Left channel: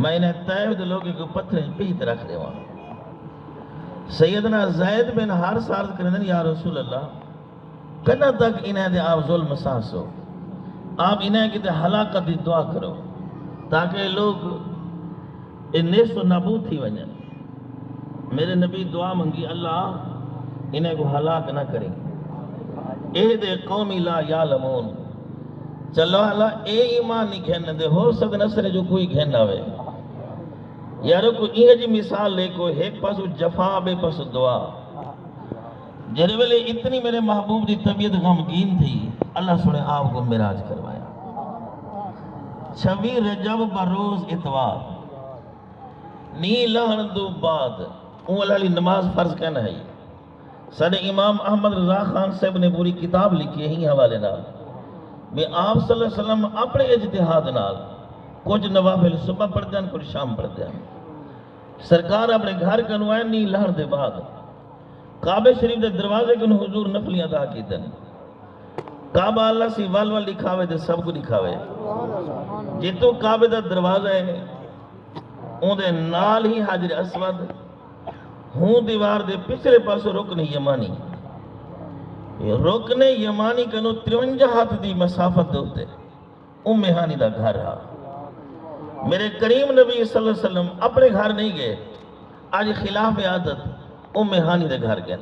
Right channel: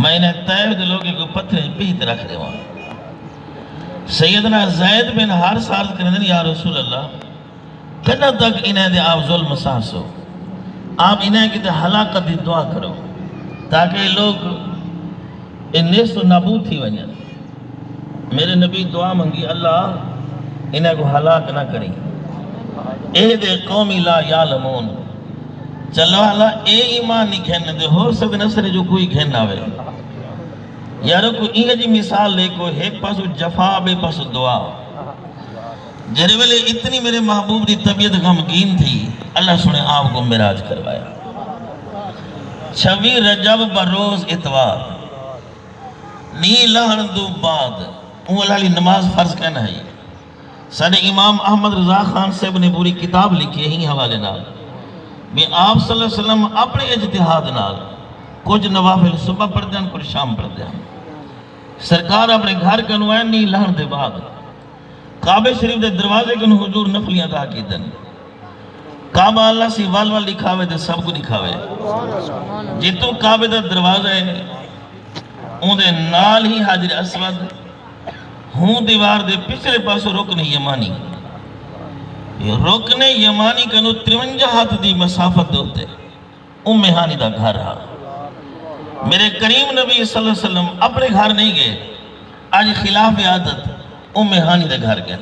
میں انہیں طیب دے لوگے کو پتھر پیت رکھ رہے ہوں. سیدنا زید بن حارث عرض کرنے دیں یا رسول اللہ کنا تک انہیں دے آپ ظلم سانسو, آپ انہیں کی تے ہلاکت دی دعا کرو تاکہ لوگ نیست و نابود تھی ونجن. میرے نبی دعا منگی اللہ انہیں کو ہلاک نہ کریں. اے دے قومی لا یعلمون, چلو اللہ اے ایمان نہیں کھیلنے دے, ہو سکتے نصر جو کوئی کھیلنا ہوئے. یارو کو یہ جی مثال لے کو ایک پاسو جفا بے پاسو دعا. جرے ویلے اتنی میرے محبوب دی طبیعت غمگین تھی, اللہ سنے آپ کو معراج کروایا. 26 رجب بروز اتوار نی لہن دو بعد اون اللہ علی نماز فرض کہنا ہے. ساڑھے امام احمد رضا خان صاحب نے پوری کتاب لکھی ہی حوالے نال میں آپ صلی اللہ علیہ وسلم اپنے اجتہاد نال کچھ نوافل صبح پڑھ دیں کچھ شام پڑھ دیں. سرکار اپنے گھر کے انوائن نہیں لہن دے بعد کعبہ شریف دے دروازے کے حضور نفلیاں دا کی دن. کعبہ اللہ سی وال وال دکھاوے دے سب کو دکھاوے. جتو کعبہ دا دروازہ ہے اون دے نال ہی حجر اسود ہوں دیوار دے پچھلے پاسو رکن یمانی. رکن یمانی کنو 53 ہاتھ دی مسافت دوتے ام ہانی دا گھر رہا. میرے کریم نبی صلی اللہ علیہ وسلم اپنے گھر نہیں گئے, آج خلاف عادت ام ہانی دے گھر گئے.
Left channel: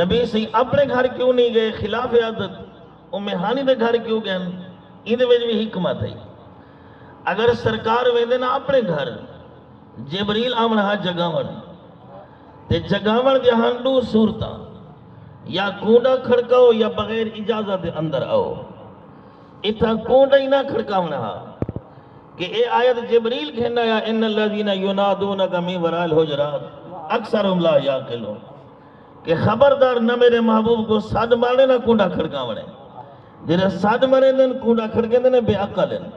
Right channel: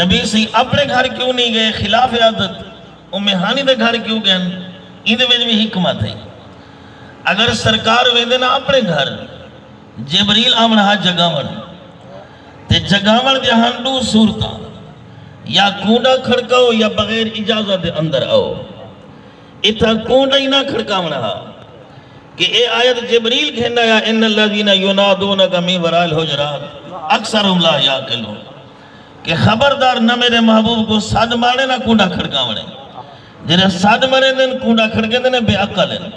نبی سی اپنے گھر کیوں نہیں گئے, خلاف عادت ام ہانی دے گھر کیوں گئے, ان دے وجہ بھی حکمت ہے. اگر سرکار ویندے نا اپنے گھر جبریل آمن ہاتھ جگاون تے جگاون دے ہنڈو صورتاں یا کونڈا کھڑکاؤ یا بغیر اجازت دے اندر آؤ. اتھا کونڈا ہی نہ کھڑکاونا ہا کہ اے آیت جبریل کہنا یا ان الذین ینادونک من وراء الحجرات اکثرهم لا یعقلون کہ خبردار نہ میرے محبوب کو صد مانے نہ کونڈا کھڑکاونے. جنہیں صد مانے دن کونڈا کھڑکے دن بے عقل ہیں.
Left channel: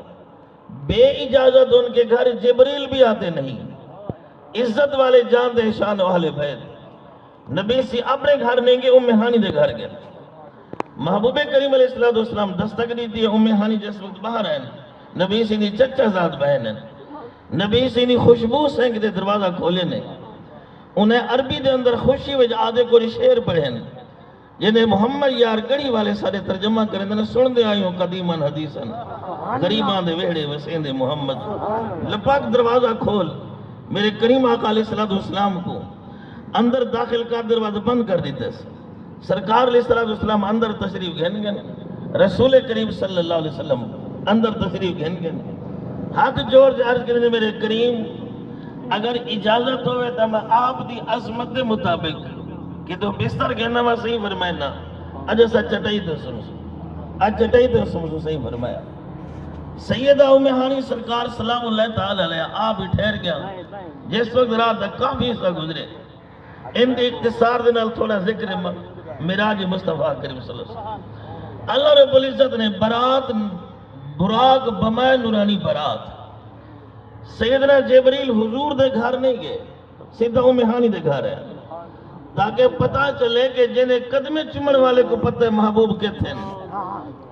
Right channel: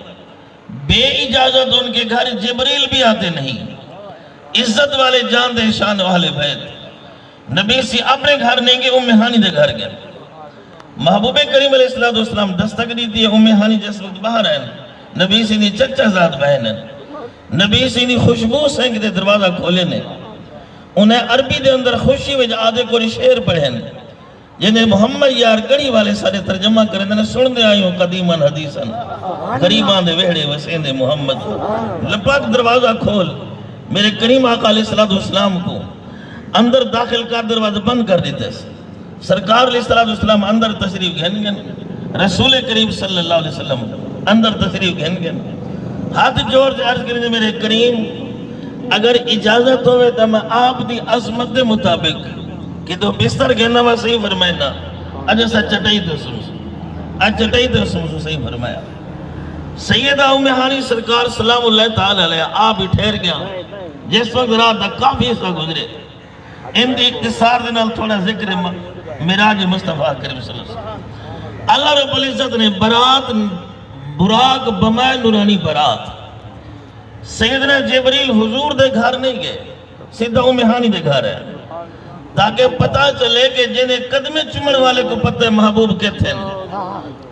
بے اجازت ان کے گھر جبریل بھی آتے نہیں. عزت والے جان دے شان والے بیت نبی سی اپنے گھر نہیں گئے, ام ہانی دے گھر گئے. محبوب کریم علیہ السلام دستک دی تھی ام ہانی جس وقت باہر ہیں. نبی سی دی چچا ذات بہن ہیں. نبی سی دی خوشبو سنگ دے دروازہ کھولے نے. انہیں عربی دے اندر خوشی وجہ آدھے کو شعر پڑھیں جنہیں محمد یار گڑی والے سارے ترجمہ کریں نے سن دے آئیوں قدیماً حدیثاً غریبان دے ویڑے وسین دے محمد. لپاک دروازہ کھول, میرے کریم آقا علیہ السلام کو اندر داخل کر دروازہ بند کر دیتے. سرکار علیہ السلام اندر تشریف گھن گن, رسول کریم صلی اللہ علیہ وسلم اندر تشریف گھن گن. ہاتھ جوڑ سے عرض کریں میرے کریم اگر اجازت ہوئے تو میں آپ دی عظمت دے مطابق کہ تو بستر گھننا میں صحیح فرمائنا اجھے سا چٹائی تو سمسو, اج چٹائی تو سمسو صحیح فرمایا. سیدہ ام ہانی سرکار سلام اللہ تعالیٰ علیہ آپ ہی ٹھہر گیا. جس وقت رات دا کافی حصہ گزرے ان دی اقتصار دے نال تھوڑا ذکر معراج مصطفیٰ کریم صلی اللہ علیہ وسلم. اللہ رب العزت نے برات براق بمائے نورانی برات سیدنا جبریل حضور دے گھر نہیں گئے, سیدہ ام ہانی دے گھر ہے تاکہ پتہ چلے کہ جنہیں قدمیں چمڑ والے کو پتہ ہے محبوب کہتے ہیں,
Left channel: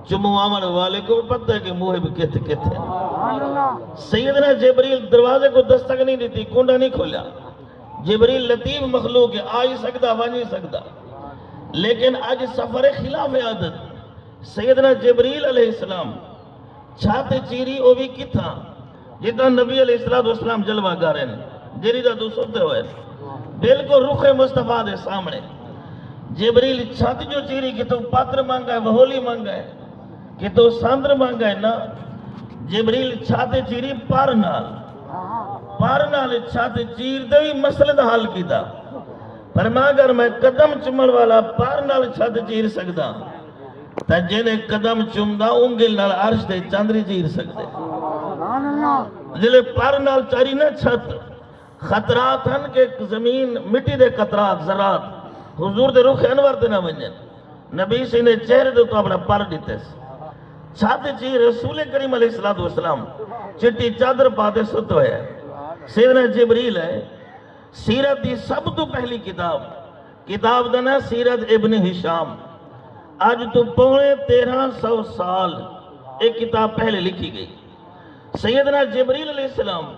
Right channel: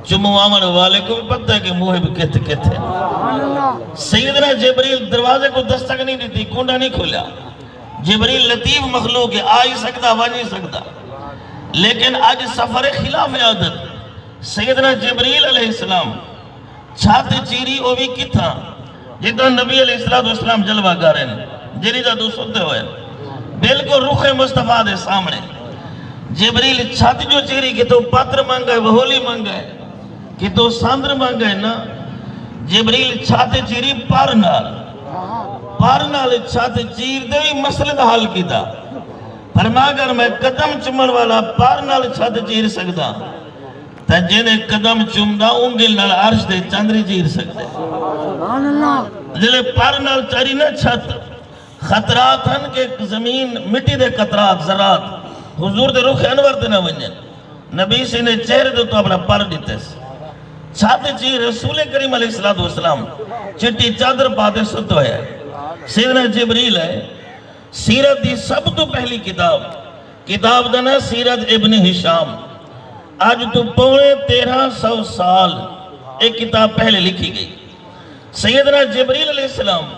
چموامن والے کو پتہ ہے کہ محب کہتے ہیں. سیدنا جبریل دروازے کو دستک نہیں دیتی, کنڈا نہیں کھولا. جبریل لطیف مخلوق ہے, آ ہی سکتا وہاں نہیں سکتا. لیکن آج سفر خلاف عادت سیدنا جبریل علیہ السلام چھاتے چیری او بھی کی تھا جتنا نبی علیہ السلام جلوہ گارے نے جری جا دو سوتے ہوئے بلکل رخ مصطفیٰ دے سامنے. جبریل چھاتی جو چیری کہ تو پاتر مانگا ہے, وہولی مانگا ہے, کہ تو ساندر مانگا ہے نا. جبریل چھاتے چیری پار نال چھاتے چیر دے بھی مسئلہ دا حل کی تھا. فرما اگر میں قدم چمڑ والا پار نال چھاتے چیر سکتا تا جنہیں قدم چمدہ انگل نال عرش دے چاندری چیر سکتے. جلے پار نال چاری نہ چھت خطرات ہیں کہ زمین مٹی دے قطرات ذرات حضور دے رخ انور دے نہ ونجن. نبی سے نے چہرے دے تو اپنا پر دیتے چھاتے چیر رسول کریم علیہ السلام چٹی چادر پاتے ستو ہے. سیدنا جبریل ہے سیرت دی سب تو پہلی کتاب دنا سیرت ابن ہشام. آج تو 1350 سال ایک کتاب پہلے لکھی گئی. سیدنا جبریل علیہ السلام